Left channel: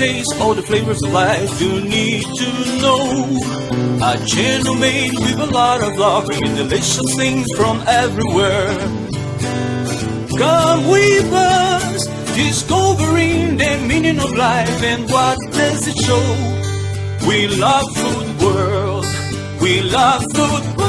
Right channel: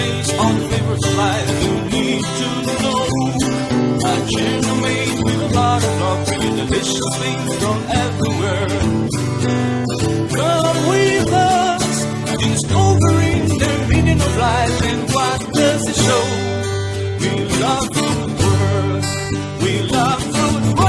taste all the flavors of life you need to know. A channel made with a lot of love, bringing delicious things from everywhere. Come with us, discovering the meaning of life and what does it show. We love food world, we love food world.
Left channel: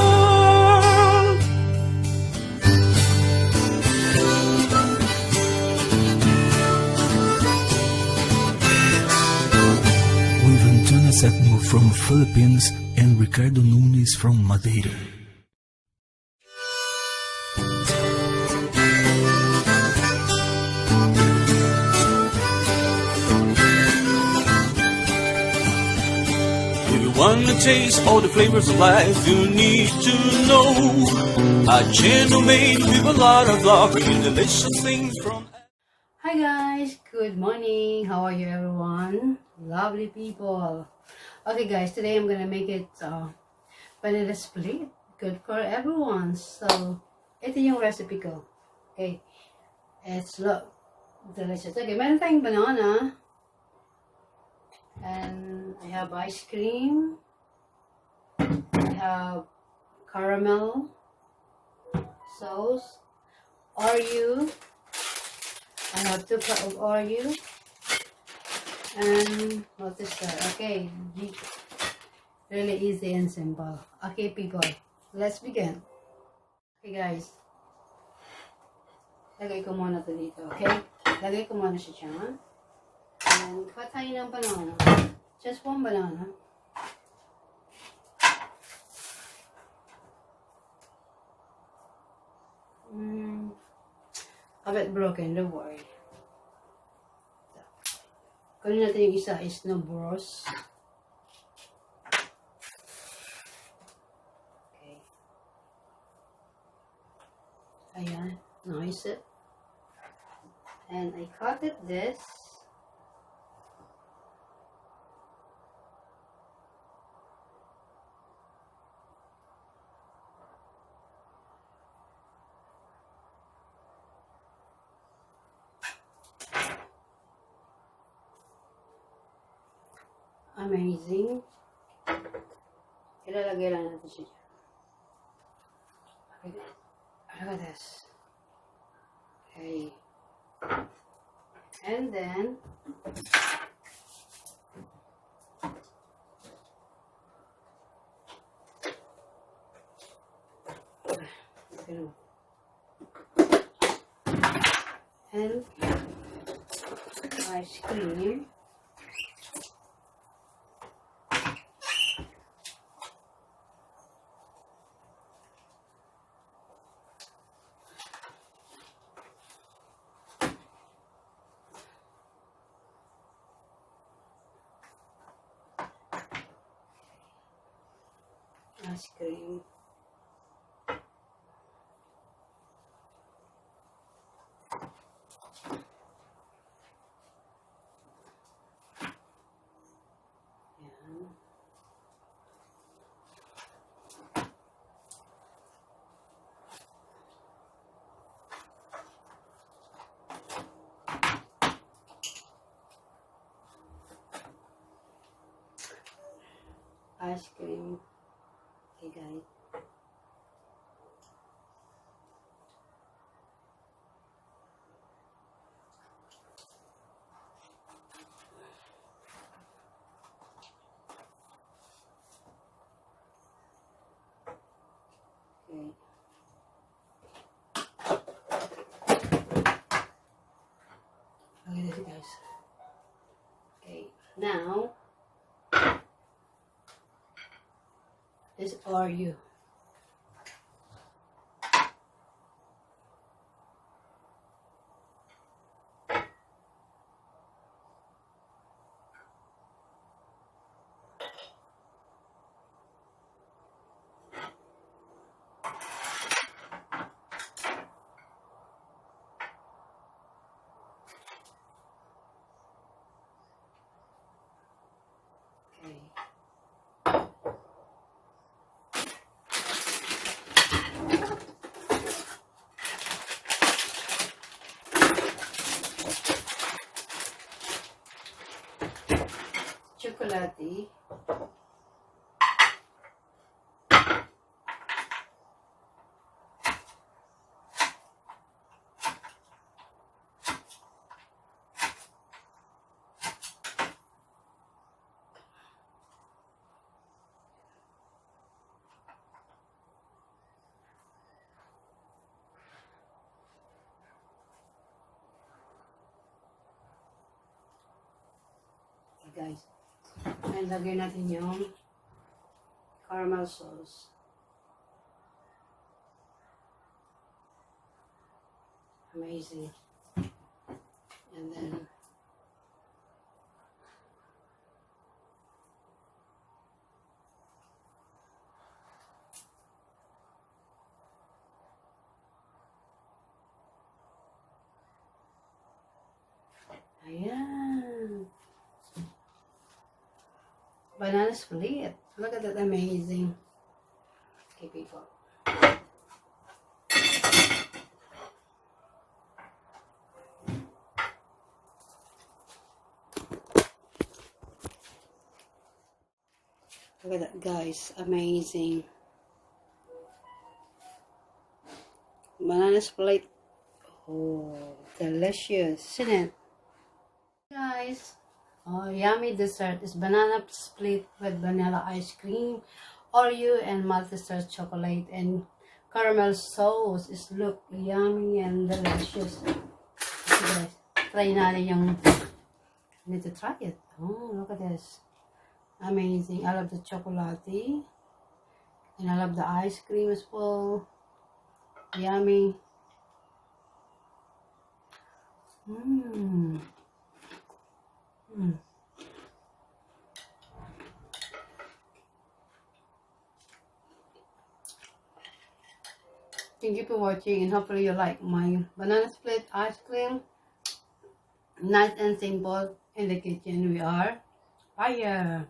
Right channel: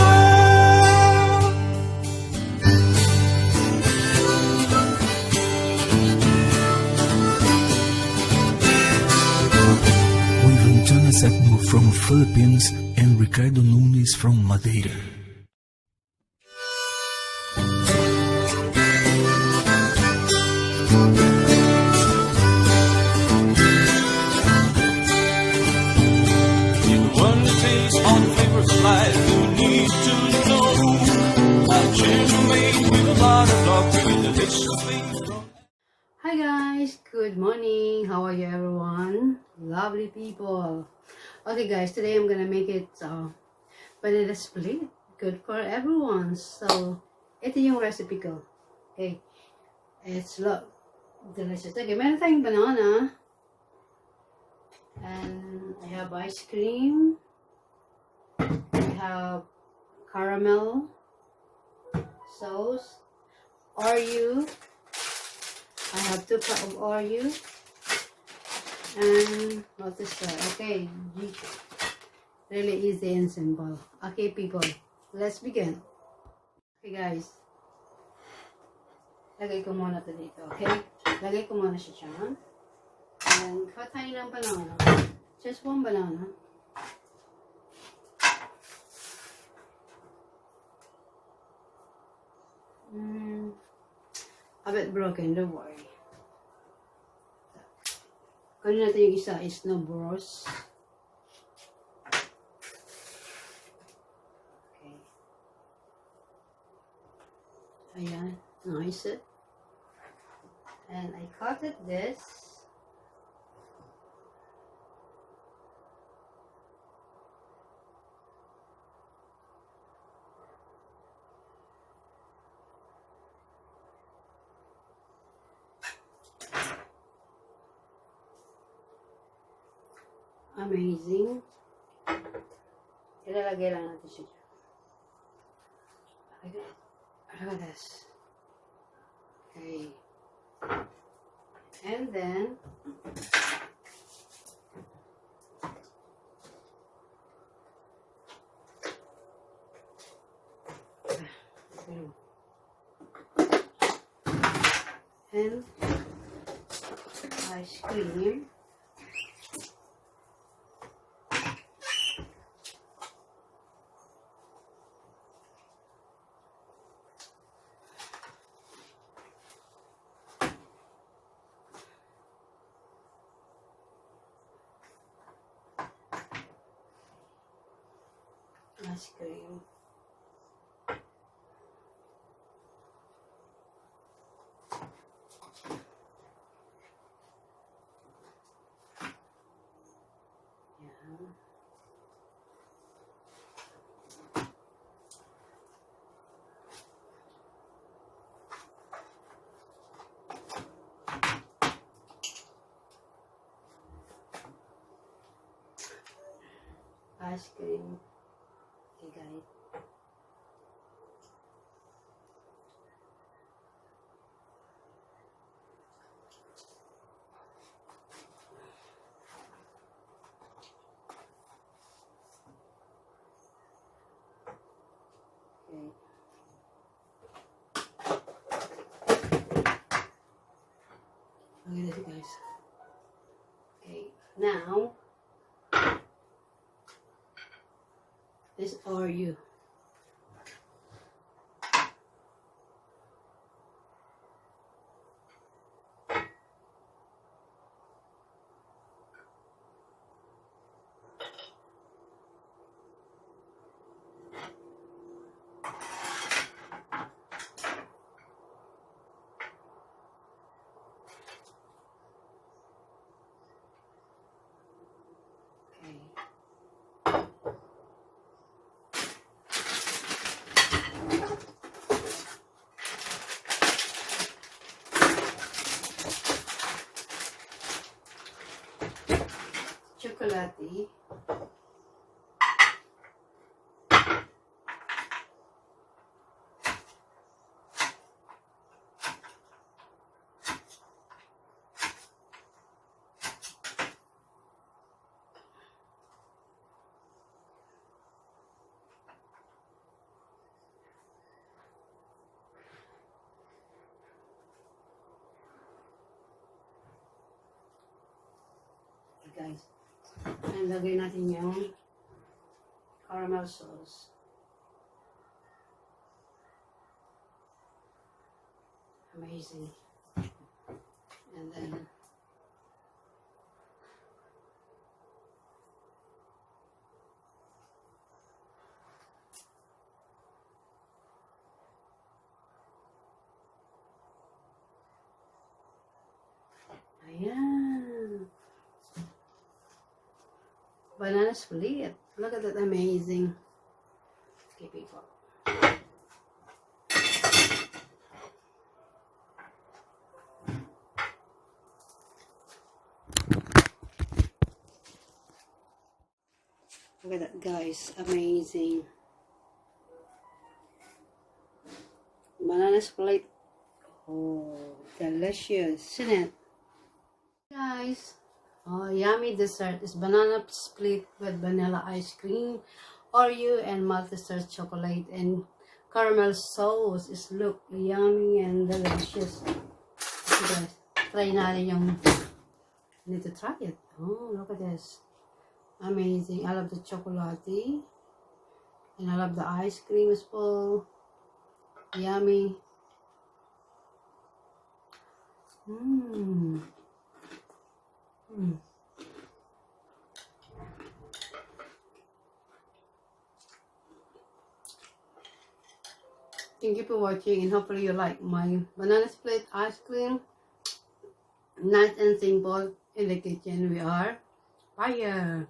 With Antonia Septimo from Philippines and Ricardo Nunes from Madeira. Taste all the flavors of life you need to know. A channel made with a lot of love, bringing delicious things from. Hi guys, good morning. How are you everyone? Lovely people. Okay guys, today I'm gonna make it banana split. Good for everyone. So, ito yung recipe ko. Okay. It's delicious. Okay, meron tayong banana. And I have ice cream. I have caramel sauce, Oreo. I have 2 cups of Oreo. And what is that? Okay, really easy and simple. Okay, people, let's begin. Okay, guys. Lagay ko muna ito dito, okay? Lagay ko muna siya dyan. And cut tayo ng banana. Just 1 banana. A bit broken, don't worry. Kunin natin yung isa is no bros. Okay. Ayan, nice it. And I cut it this. Amazing. Ilalagay lang natin siya. Look at this. Okay. And then, and ice cream. Ice cream. Ice cream. Okay, guys. Okay. Look at this, guys. Okay, now this are you. guys. And lagay natin yung caramel sauce. Amazing. And then ayan. Banana split. Look at that, amazing. Okay, people. Look at that, guys. Amazing. Banana split. Oh, delicious, isn't it? Guys, oh, yummy dessert is banana split with vanilla ice cream, Oreo and Maltesers chocolate and caramel sauce. Is look yummy and delicious. Okay, guys, try natin yung. I need to try it. Oh, look at this. Amazing. I love the chocolate and I love the ice cream as well. Yummy. Thank you for watching, and hopefully you like my banana split ice cream. Nice and simple. In the kitchen we are fire.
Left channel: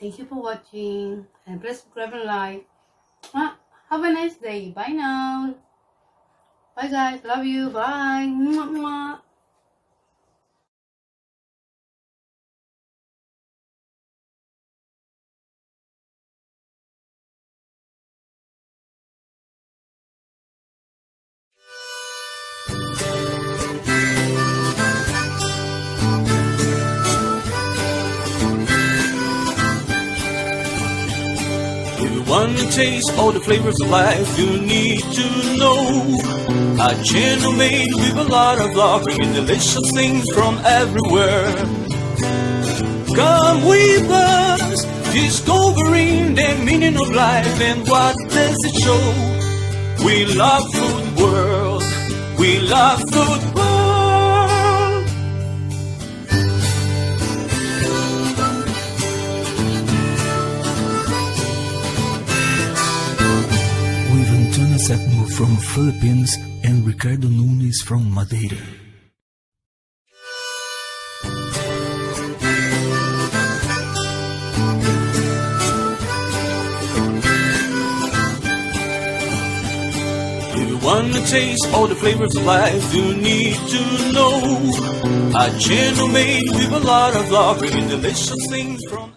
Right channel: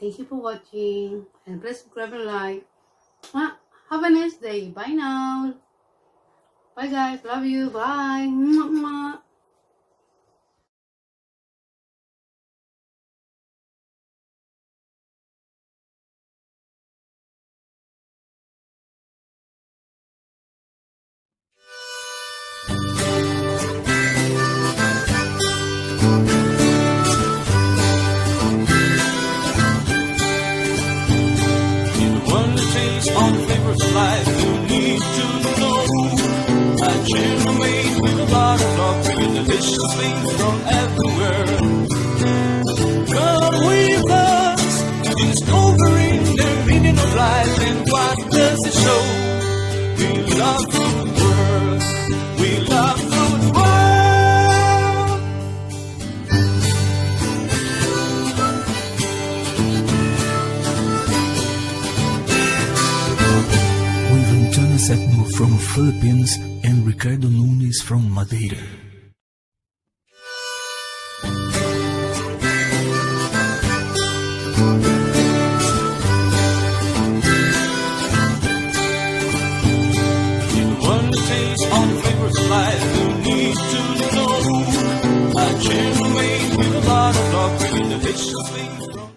Thank you for watching, and please grab a like. Have a nice day. Bye now. Bye guys. Love you. Bye. Mwah, mwah. Taste all the flavors of life you need to know. A channel made with a lot of love, bringing delicious things from everywhere. Come with us, discovering the meaning of life and what does it show. We love food world, we love food world. Antonia Septimo from Philippines and Ricardo Nunes from Madeira. If you want to taste all the flavors of life, you need to know. A channel made with a lot of love, bringing delicious things from